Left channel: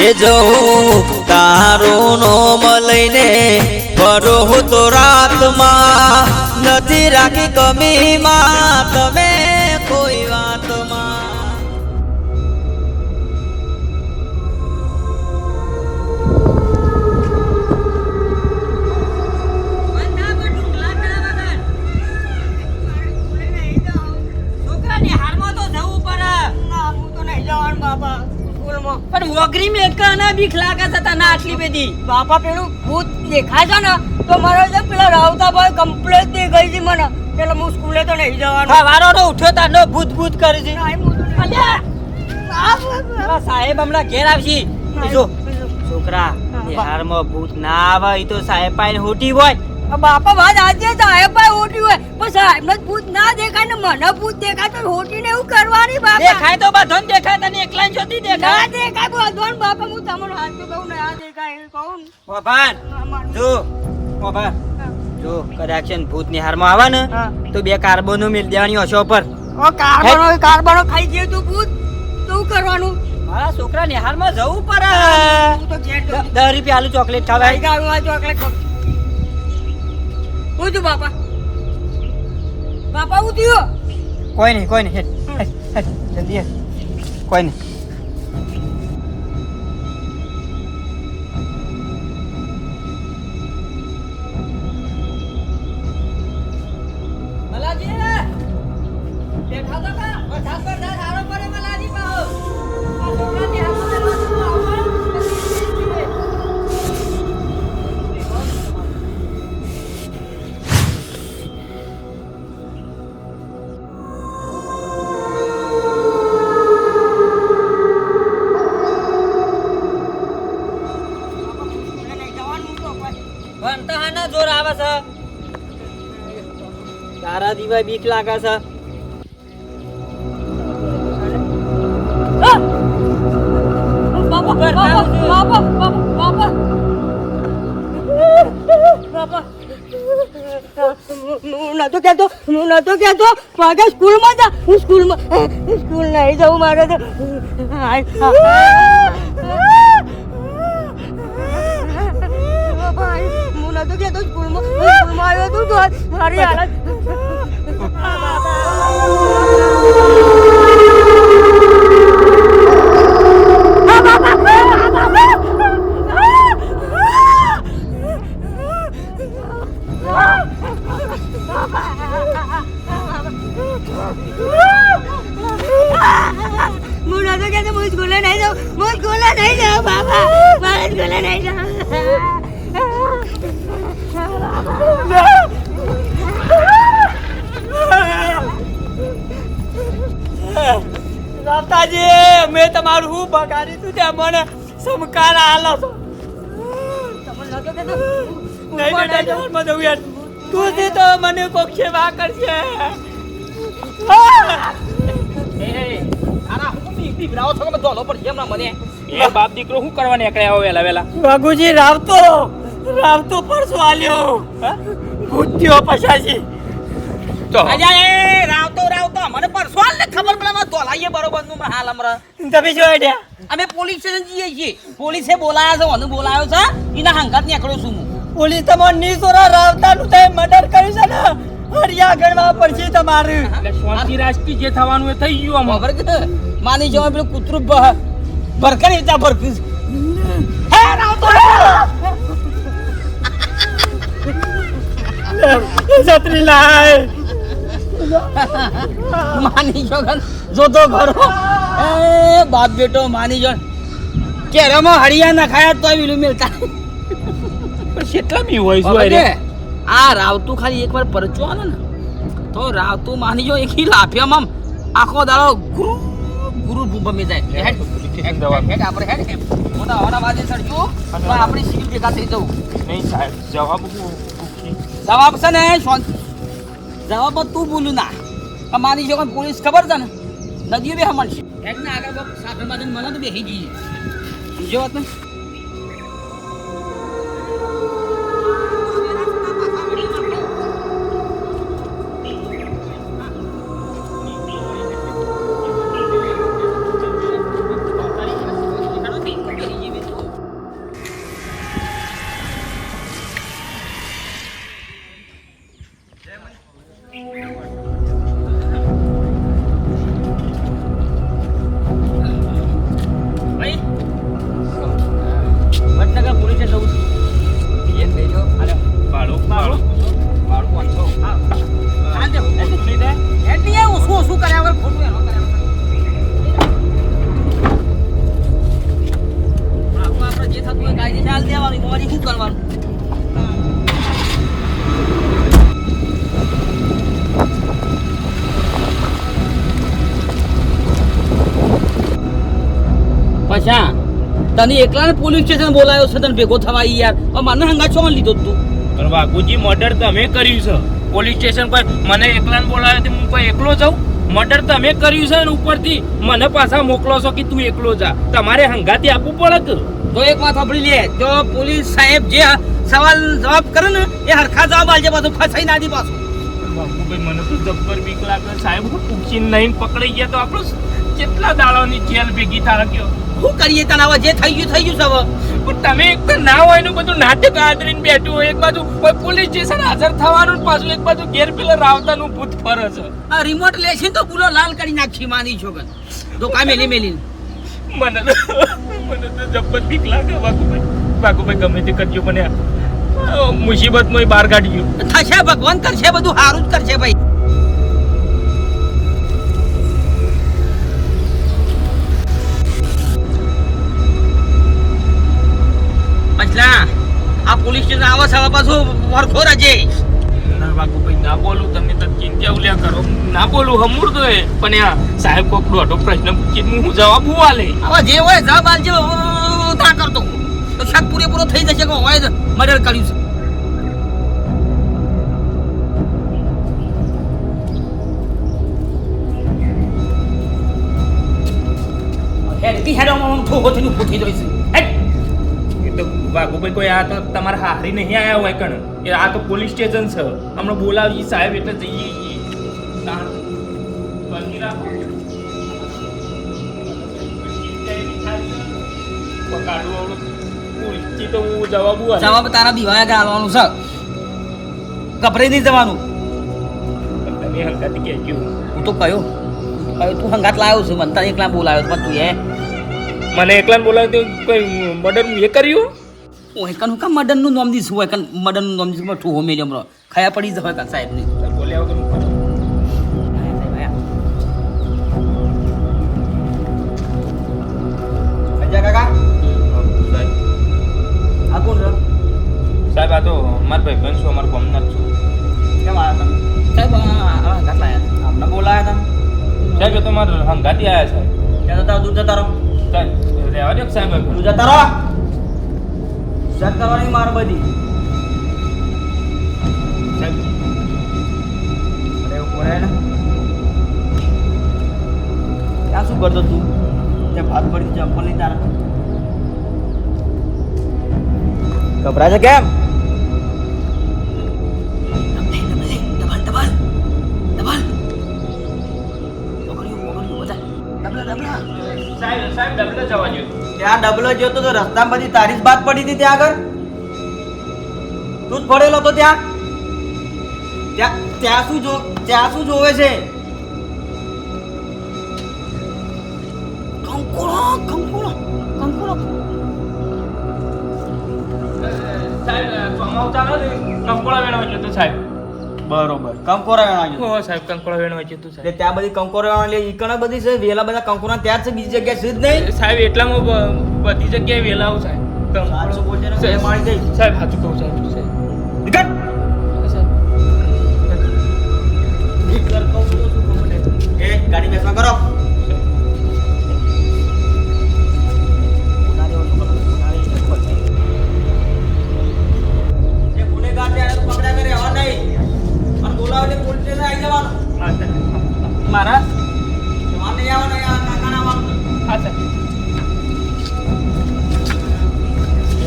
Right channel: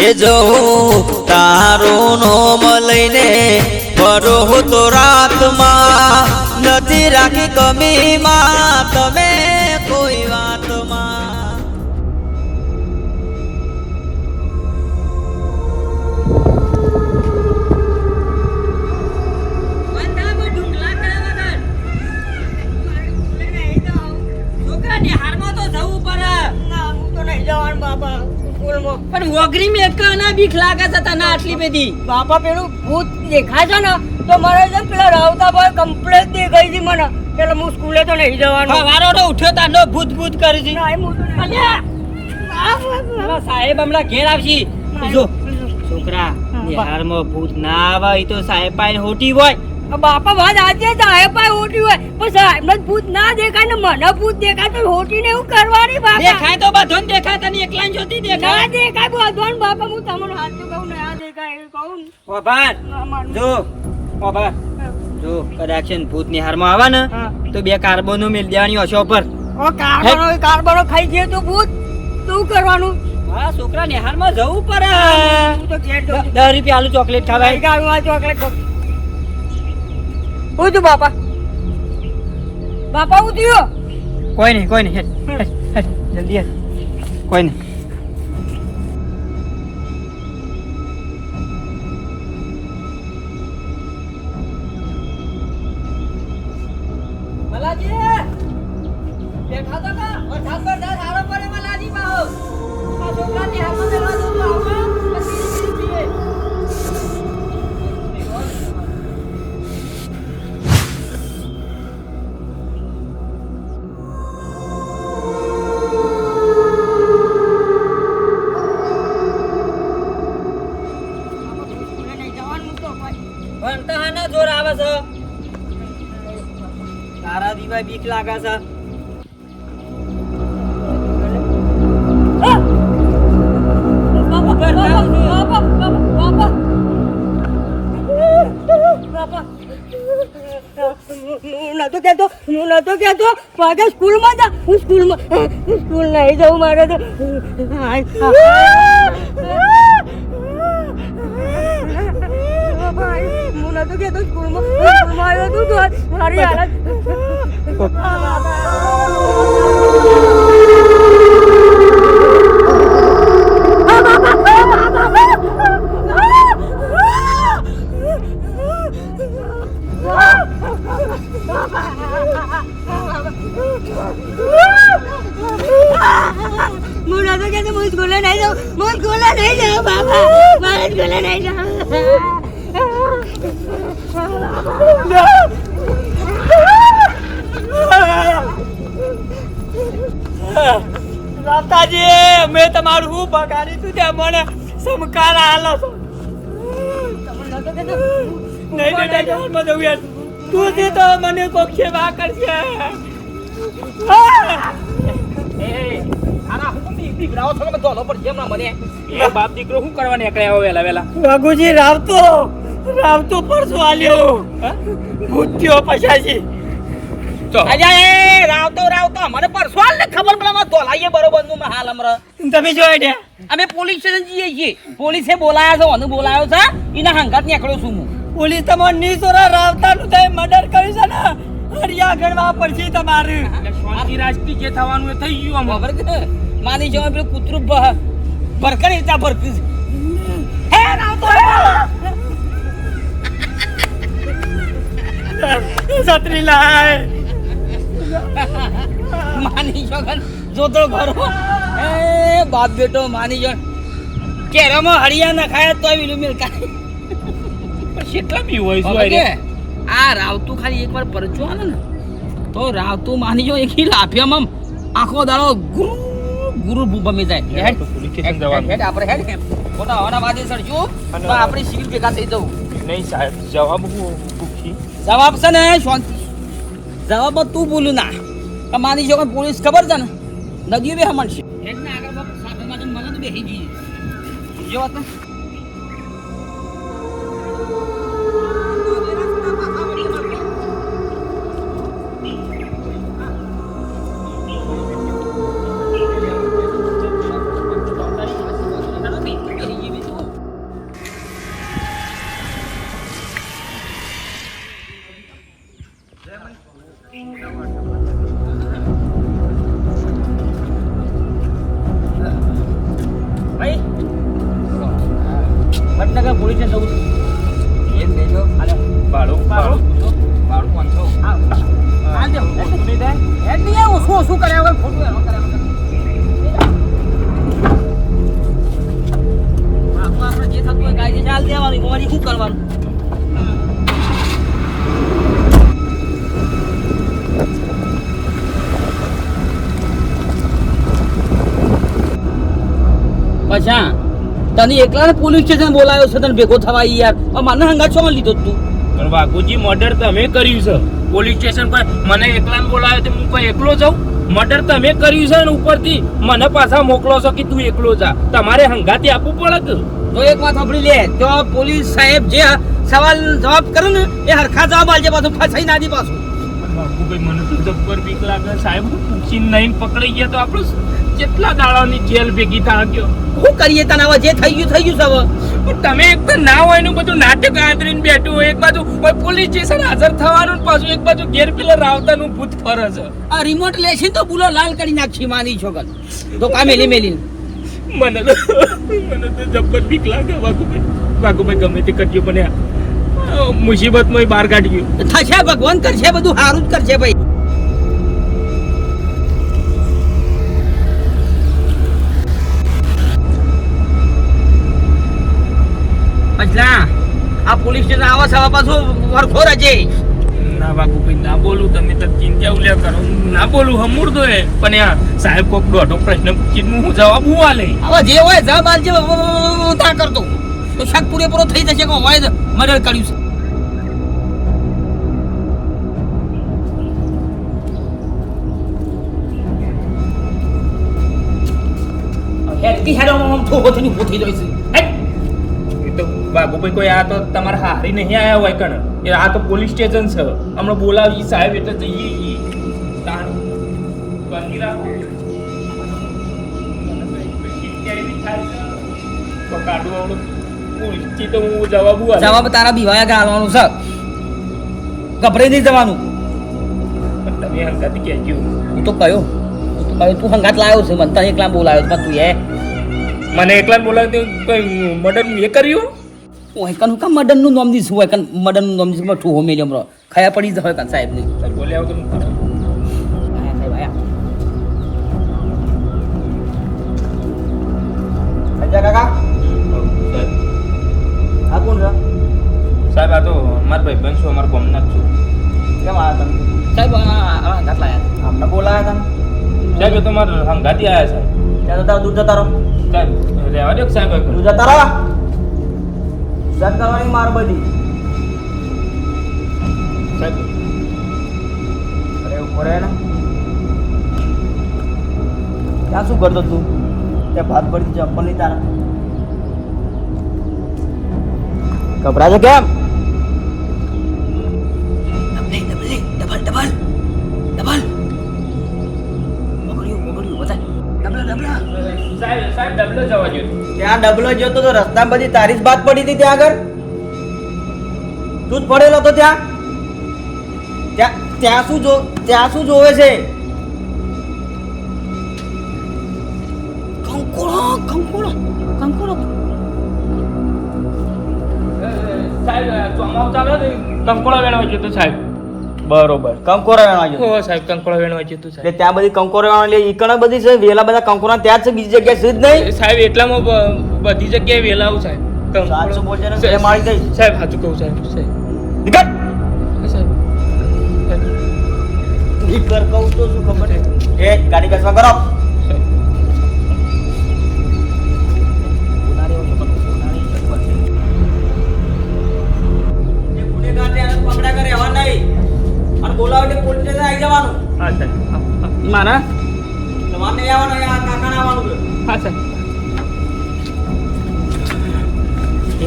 એ જવું તારું નોમ લઈને ફરો તો રાતમાં નથી રાખી કમીમાં તમે કોઈ વાતમાં. છોકરાની હારમાં તો જવું પડે. હું તો નહીં જવાનું બાપા. સ્કૂલમાં પણ વગરી મેકના બીક લાગે છે તને આટલી બધી? બાપા પેલું ભૂત દેખાય છે ને તો મારે છે પેલા રાવતા ભાઈ કમ્પ્લેટ દેખાય છે મને. એટલે હું સ્કૂલે તો નહીં જવાનું. વારો તો ઉઠ્યો તાનો ભૂત ભૂત કરી છે. સાહેબ હમણાં ઘેર આવશે. જો. છોકરા હા, બિહારમાં ભૂત ના આવે ઈ તો સાહેબ પાઈ હોટી હોય. બાપા ભાઈ આજે સાહેબ પાઈ હોટી હોય. પણ સાહેબ ભૂત ના દેખાય ને મને ભૂત દેખાય તો હોટી ને એવું કરવાની બાપા. દેખાય તો બધો દેખાય તને એકલા જોતી ના દેખાય દેખાય બાપા હું તમને હાથ કહું ના દેખાય એવું કહું ના. જો હા. જો કદાચ ભૂતની હારમાં આવે ને તો બે કાર્બોનો મેળ દેવાની ઓછો પર ઓ કાર્બનો કાર્બનો ખાઈ ગયો તો ભૂત. શું કરવાનું? મારા છોકરા નિહારમાં જવું પડે. હું તો જઉં. દસ રૂપિયા આલુ ચોકલેટ આ ચોકલેટ. હું તું બાપા. બાપા થયો? કોઈ નહીં કોઈ નહીં જલ્દી. કોઈ નહીં. મલાજી! બેઠા તો કા વરસાદ વરસાદ સારો પડે મલાજી બાહો. આ છોકરાની હાથમાં ભણતા હાના જોર આવે છે. તારા દીવા બીક લાગે છે. નતો કહેતો હું નતો કહેતો. મારે સ્કૂલમાં જા હું સ્કૂલમાં સ્કૂલ નહીં જવું મારે તો. હું નતો કહેતો સ્કૂલમાં સ્કૂલમાં આવ્યો તું તો મારી હાલત હું નતો કહેતો હું સ્કૂલે નહીં જાઉં હું સ્કૂલે નહીં જાઉં બાબા મારે સ્કૂલે નહીં રામતાજી મેં તમારું હું બગાડી તું ત્યાં? મને સમકાર આલો છો. નહીં બેટા જવાનમાં જવું યાર. તું છે તો મને કોક સેવા કરશે. બાપ દીકરો શું કરવા નીકળ્યા વેલા વેલા વાઘુજી રાવતો. રાવતો પરસો આલ્યો ભૂત્યો પછાજી. અજા એ રાવતો રાવતો મને પરસવાલ ને ખબર પડે ધોલાઈએ બરોબરનું હાલ હમણાં. તમે જોઈ રહ્યા? અમે પોલીસ સ્ટેશન જઈએ છીએ. પોલીસે બોલાયા છે મને બોલાયો છે એના હંગાત નીકળ્યો છું હું. પોલીસ તમાર નીસોરા રાવતાનું તે મર્ડર કર્યું છે ને. હરિયા ગણવા પડશે તમારે. શાંતિ જે થવાનું એ થઈ ગયું ખબર કે માની જવા પેલું કૂતરું ભરકરી ભરકર એવી હે. હે રાવતો છત્રી લાય માની જોગન જોતો ખરો એ બાપ બેટો માની જો કેરામાં હરિયા ના ખાયા તોય વિલું મિલતા કેટલા બી હોય કે? આ રાવતું ખાલી એકવાર પરચો આલે ને તો રાવતું માની જો એક લાફિયામાં આખો દાડો ગુરુ ગુરુ ભમી જાય. હેડ, હેડ, હેડ, આપણે હેડ પોતા હવાના વાદે સડજો તો આપણી સિવિલ ભેગા થઈ જવું. નહીં સાહેબ જવાબ હું? જવાબ છે ને જવાબ તું બોલું ના. તમારી જો પોલીસ ખબર છે ને નદીઓ બે મળશે. એક ના આગળ બાપ સાધન બાધન મને તો બેસી ગઈ બીજો વાત ને? વડનગર પોલીસ જવું છે. એમ બેજો હાલે ભાડું ભાડું? ભાડું પાંચસો. હા. હાલ દે ઓછું નહીં થાય હેડ નહીં આવું શું શું કર્યા વગર ખોટું એનો કર્યા આપણે જે થતું હોય કાયદે ચાલ દેવાનું. એમાં શું કરવાનું? પછા? તને એકલાને પોલીસ સ્ટેશન બોલાયો છે તને ભેગો થવા યાર. મને હંગા છો લીધો તું. પણ વાઘુજી મર્ડર તમે કર્યું છે. પોલીસ સ્ટેશન પર મને એકલાને બોલાયો તો હું કોઈ એકલો જાઉં? મર્ડર તમે કર્યું છે ને ઉપરથી મને પાછા મોકલો છો કે તું એકલો જા. તમારે હંગાથી આપવું પડે તો એક વાત સાંભળી લે. તો પોલીસ સાહેબ જે સવાલ જવાબ કરે ને એ હરખા જવાબ આલજે પાછું ફસાઈ ના દી પાછું. પણ બાબુભાઈ મને તો જબ્બર બીક લાગે. સાહેબ પૂછીને નહીં પકડાઈ ગયા તો આપણું કેટલા દાડાની જેલ ભેગી થા ગયો શું કરીએ તને હવે જે થઈ ગયું થઈ ગયું સવ પણ તમે એક તો ના હોય એનું બધું નાટક આદરીને બેઠું હોય એક બાજુ પોલીસ સ્ટેશન હાજર થવાનું પાછું એક બાજુ ઘેર પેલા રાવતાનું ભૂત ફરે છે. આ રિમોટ લેશી તો બુલો લાલ કરી નાખશી માની છોકર તો કા મેલી મેલી મને તો મને તો જબ્બર બીક લાગે વાઘુભાઈ. વાઘુભાઈ ગમે તે કરજો મને મુસીબતમાં બહાર કાઢ્યું થશે ભગવાન કરશે બધું સારું જ કરશે ભાઈ. પછલા આ પોલીસ સ્ટેશન આવા સવા પાછું વરખો રજે ના વાઘુભાઈ ના બોલું. તમે તો ચિંતા ઉલ્યા કરો. ના બોલું હમુર તો પણ આ સાહેબ કોક દોઢો પ્રશ્ન પૂછીને હું જવાબ હું આલે? હવે જે હોય જવાબ આલજે તા કરતો. તો શાક પૂરેપૂરો થઈ જશે કે હોય મર્ડર કર્યું છે. હેડ બી હેડ આમ આમ ઠોકો થઈને ઊભો થઈ જાય છે હેડ. એ તો વાઘુભાઈ કોઈ આ તો તમારા હારી નહીં આયા હોય કણ. એ આ તો પોલીસ સ્ટેશન છે. હમણાં બોલાવી સાહેબ એટલે જઈએ બાકી રાખો. તો કાઢું આવડું પોલીસથી હું જવાબ જવાબ તારા બીવાયા ગાળવાનું છે. ગભરાઈ નહીં જવાનું. તમે હંગાથી કહેજો હું તો કયો. હું તો કયો. તું હંગાત લાવ્યો છે. મને તને એકલા બોલાવ્યો પણ તું એ મને એકલાને બોલાવી કોઈ મર્ડર એ કર્યું ઓય કન કા મર્ડરનું નામ દીધું હોય કન મર્ડરનું નામ દીધું ઠો હોમે જમરો ખાયા પડી જશે કન સાહેબની? બોલ્યા વગર હું કરું. આયા સાહેબ આયા. અજય કાકા. સાહેબ આ કોણ છે? સાહેબ આ તો મારા ભાઈ બનશો અમારા ગામના જ છું. કેમ આવ્યા તમે? સાહેબ આ આ હંગાત લાયા અમને બોલાયા તમે? સાહેબ તો મારા હંગાથી આવ્યા સાહેબ ત્યાં જતા દૂર જતા રહો. રહેવા દો સાહેબ તું. જતા રહો જત કરવાની માર બધી સાહેબ અરે ઉપર ને ત્યાં શું કરતો તું ત્યાં ભાત પડી ચંપલ નહીં તારા કપડા છે કેમ ડબલ ડબલ ડબલ સાહેબ સાહેબ ડબલો જવા દો ત્યાં ડબલો જોતો તો રસ્તામાં બધી તારી જ બાદ પડી હતી ત્યાં આગળ? તું જ પડેલો તો ત્યાં? ત્યાં ત્યાં શું જો ત્યાં શું જોવે છે? કંકોળો કંકોળો કંકોળો. સાહેબ ચોમાસું ચાલો ને કંકોળા વેણવા ગયો સાહેબ. બરોબર. કંકોરા વેણવા ગયો હો સાહેબ કંકોળા વેણવા ગયો તો સાહેબ. ત્યાં બધી કંકોરા વેણવા લે ઈકણ બધી છે વેલા બધા કંકોરા ત્યાં છે બીજી જગ્યાએ છે જ નહીં? સાહેબ એટલામાં બધી જગ્યાએ વેલાવ સાહેબ. કંકોળો- સાચું બોલજે ને એ મારી ગઈ. સાહેબ સાચું કહું સાહેબ સાહેબ. નીકળ! સાહેબ. નીકળ કહું તો શું ખબર છે? એ ગાડી બેસવા કરો. સાહેબ. ગુનેગાર એને કરે રહેવા નહીં. અને બોલાવીને પોલીસ સ્ટેશન આવી જવાનું. હા હા. મારા? તમારે નહીં આવવાનું અહીંયા કાકાને આવવાનું છે. હા સર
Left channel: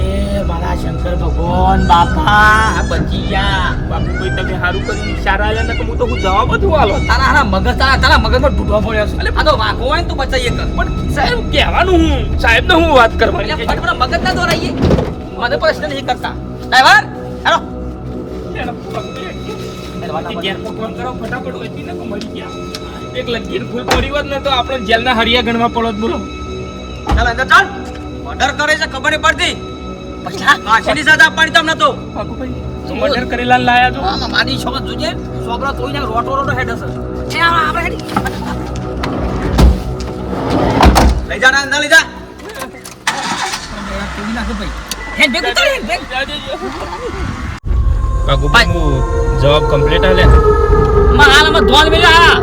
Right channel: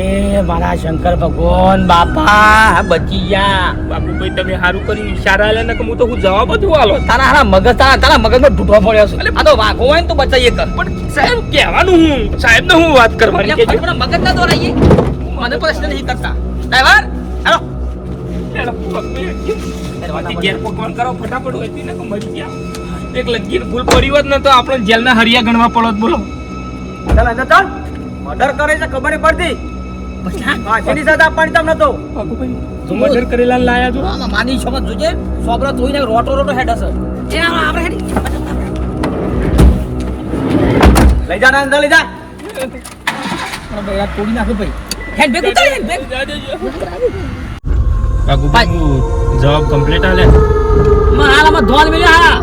એ મારા શંકર ભગવાન બાપા બચી ગયા. બાપુભાઈ તમે સારું કર્યું ઈશારા લે ને કે હું તો હું જવાબ જ આલો. તારા હારા મગજ તારા તારા મગજમાં ઢૂંઢવા પડ્યો છે. આ તો વાઘો હોય ને તો બચાઈએ કર પણ સાહેબ કહેવાનું હું સાહેબ ને હું વાત કરવાની એટલે કે મગજ ના દોરાઈએ મને પ્રશ્ન નહીં કરતા. ડ્રાઈવર હાલો. ફોન કરો ફટાફટ હોય ને મરી ગયા. એક લગીર ફૂલ પડી હોત ને તો આપણે જેલના હરિયા ગણવા પડત બોલો. ચાલ અંદર ચાલ. મર્ડર કરે છે ખબર નહીં પડતી. પછલા ફાંસીની સજા આપવાની તમને તો. તો મર્ડર કરેલા લાયા છો? આમાં માની છો જોજે સોબરા તોઈને રોટો રોટો હેડ હશે એ આપણે હેડી લઈ જા ને અંદર લઈ જા. તોડી નાખે ભાઈ. હેડ ભેગું તારે હેડ ભેગું. બાગુભાઈ હું જવાબ કમ્પ્લીટ આલે. મારામાં ધોન મેલા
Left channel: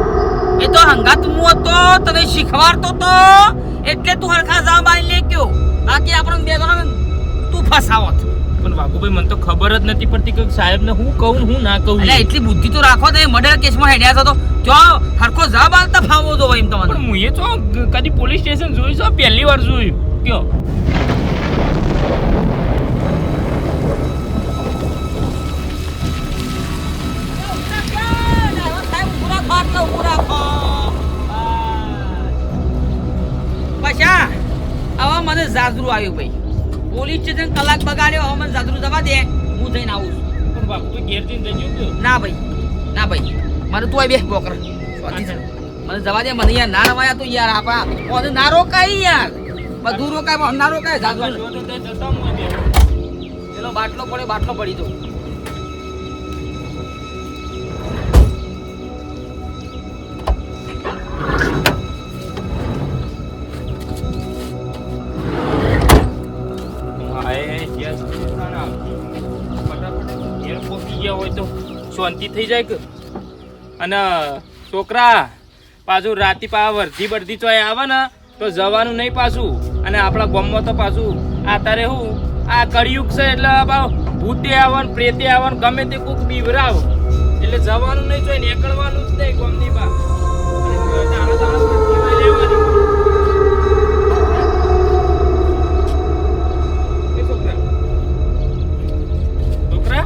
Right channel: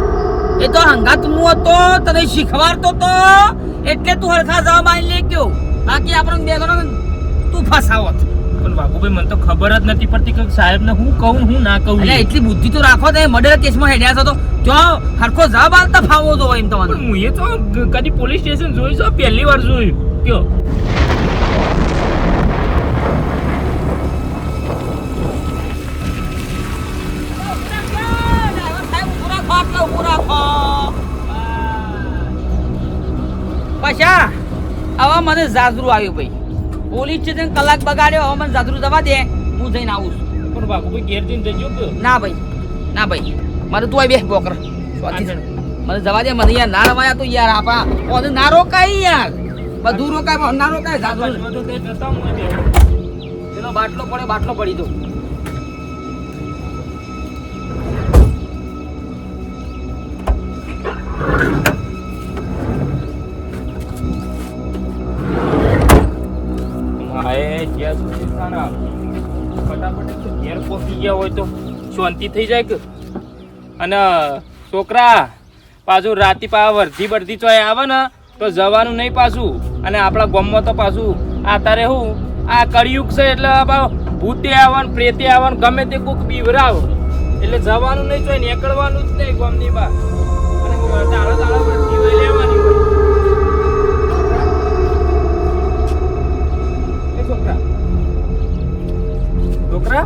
એ તો હંગાત મુ હતો તને શીખવાડતો તો એટલે તું હરખા જવા આલી લે ગયો બાકી આપણને બે તું ફસાવત પણ બાગુભાઈ મને તો ખબર જ નથી પડતી કે સાહેબ ને હું કહું હું ના કહું. એટલે એટલી બુદ્ધિ તો રાખો તો મર્ડર કેસમાં હેડ્યા છો તો. જો હરખો જવાબ આલતા ફાવો તો એમ તો તમને હું એ તો કદી પોલીસ સ્ટેશન જોઈશો પહેલી વાર જોયું. કયો? પછા. હવે મને જાજરું આવ્યું ભાઈ. પોલીસ સ્ટેશન કલાક બગાડ્યો હવે મને જાજરું જવા દે. હું જઈને આવું છું. પણ બાગુભાઈ ઘેર જઈને જજો ના ભાઈ ના ભાઈ. મારે તું આવી બે બોકર. મને જવા દે મને યાર ના રવાયા તો યાર આપા. કોને ના રોકાય યાર. બધું રોકાય ના રોકાય જાજરું. પેલો બાટલો પડે બાટલો પડી દઉં ઘેર પહોંચી ગયા હોય તો શાંતિ થઈ જાય કે? અને છોકરા, પાછું રાતી પા વર્ધી બરધી ચોય આવે ને, તો જવાનું નહીં પાછું. અને આપણા ગામમાં તો પાછું આ તારે હું, આ કળિયુગ છે એટલે ભૂતે આવે ને પ્રેતે આવે ને ગમે તે કોક બીવરાવ. એટલે જવાનું નહીં ચોય, નીકળવાનું જ નહીં ગામની બા અને તાળા લેવાની હોય. છોકરા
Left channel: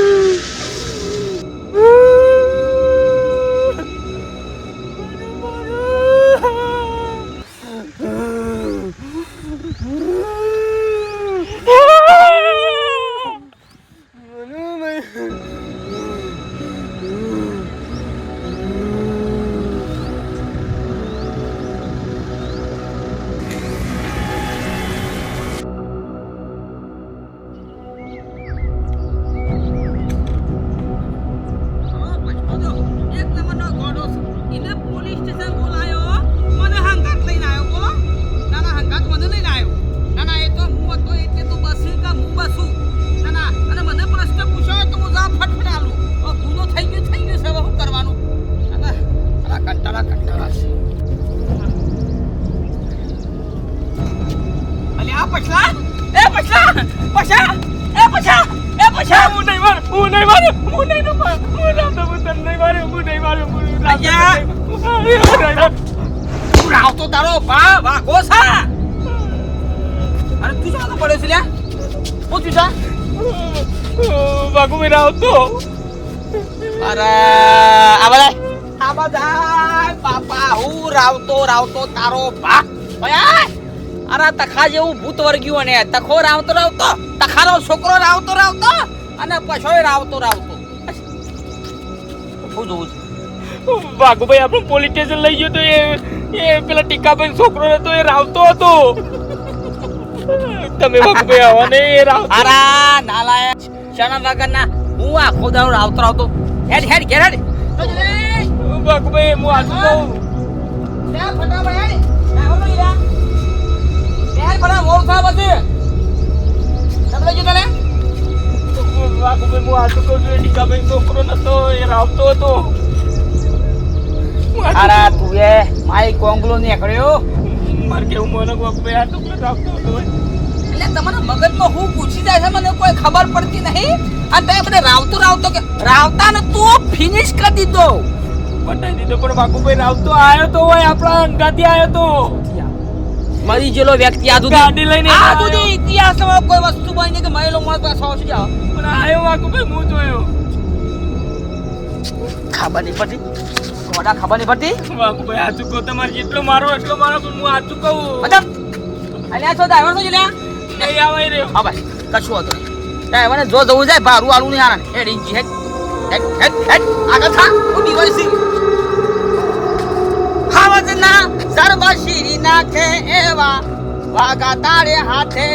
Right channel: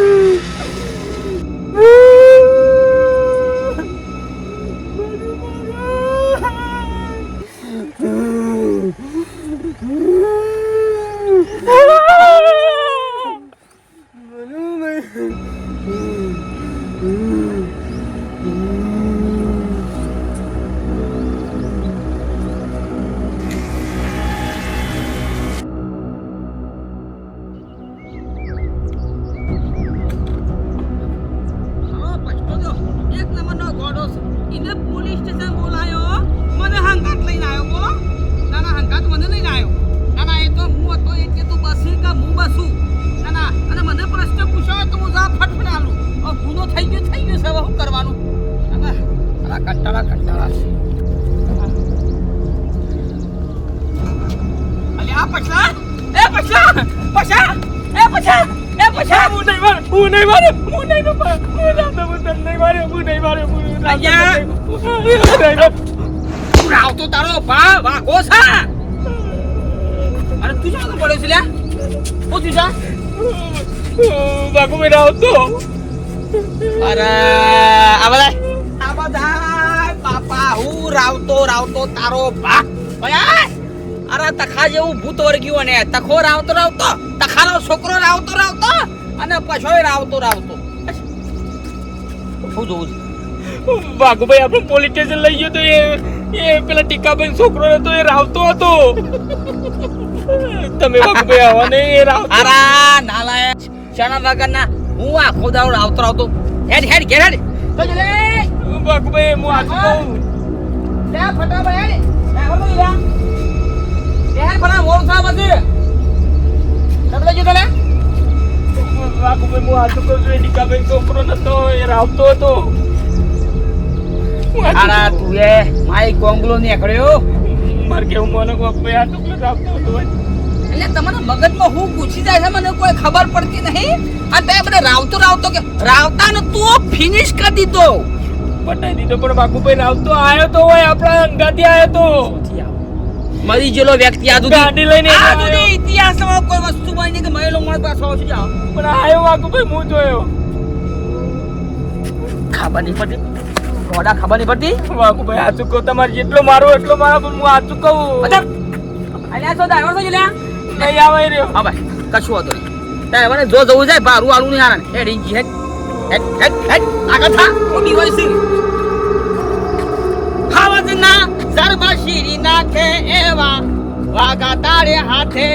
એક નંબરનો ગોડો એને પોલીસ સ્ટેશન બોલાયો. મને હંગાત લઈને આવ્યો, બોલો. ના ના હંગાત મને લઈને આવ્યો. ના ના એ તો હું હતો, એટલે તું બસી કે હું બસું? ના ના અને મને પ્રશ્ન પૂછ્યો તો હું જવાબ ફટફટ આલું. ગુનો થઈ ગયો થઈ ગયો છે શું કરવાનું? ના ના કંટાળા કંટાળા છે. અલ્યા પછલા એ પછલા પછા એ પછા મારું હું નહીં મારું હું નહીં મારું હું નહીં મારું હું તને નહીં મારું હું નહીં મારું હું નહીં મારું. અయ్యા. હું નહીં મારું. તું આવતો તારો ભા વાઘો સા અરે તું શું પડ્યો છે લ્યા હું તું જા બાગુભાઈ ના આવતો અરે આ બધા આ બધા બાપા હું રાવતો રાવતો તારો ભા ઓય અરે તખા જેવું ભૂત વર્ગ્યું અને તખો રાવતો રાવતો તખાનો છોકરો રાવતો રાવતો અને પછોય રાવતો રાવતો. શું જોવું છે. ભાગુભાઈ આપણે પોલીસ સ્ટેશન લઈ ગયો તો એ એ પેલા ટીકાબેન છોકરો હતો એ રાવતો હતો. તમે ભાગુભાઈ આવો ને એ રાવ અરે નાલાયક. શરમ વગરના હું આખો દાડો રાવતો રાવતો. હેડ હેડ ઘેર હેડ. તો જલે ભાગુભાઈ હું આ કહું લે ફટાફટ. હેડ લે હો લઈ લે. લે હેડ ફટાફટ મોર થા પછી. કટલે જો તલે બાગુભાઈ હું આ કહું છું એ ટીકાભાઈ છોકરો નતો એ રાવતો હતો હું આ તો અરા કહું. તું એ માઈ કોંગલો નીકળ્યો. મારે કેવું મને બાગુભાઈ આ તો રાવતો હતો એટલે તમારા મગજમાં હું પૂછી જાય છે મને કોઈ ખબર પડતી નહીં? આ તે બધે રાવતો રાવતો કે રાવતા ને તું ફિનિશ કરી દીધો. બતાવી દીધો પણ બાકુભાઈ રાવતો આવ્યો તો હોય આપણા અંગાથી આવ્યો તો. મરી ગયેલો વ્યક્તિ આ દુધી ગાડી લઈને આ આવ્યો. ઇતિહાસમાં કોઈ વસ્તુ બની કે મરેલો માણસ પાસે આવશે જાઓ પણ આયો વાઘુભાઈ હું જોયો. ખબર નહીં પડતી. ગોડા ખબર નહીં પડતી. ભાઈ આ ચૂકો તમારે જેટલો મારો એટલો મારો પણ હું આ ચૂકવું અચ્છા. અલ્યા છો ડ્રાઈવર તો જલ્યા નહીં આવે રહ્યો. હા ભાઈ કશું હતો ડ્રાઈવરને જો જવું જાય ભારું આલું નહીં હેડ ઇંજી હેડ. હેડ હેડ હેડ. આગળ થા. સિંહ હાવજના સર્વ શીરી નાખે એવા વાગા તારે હાથે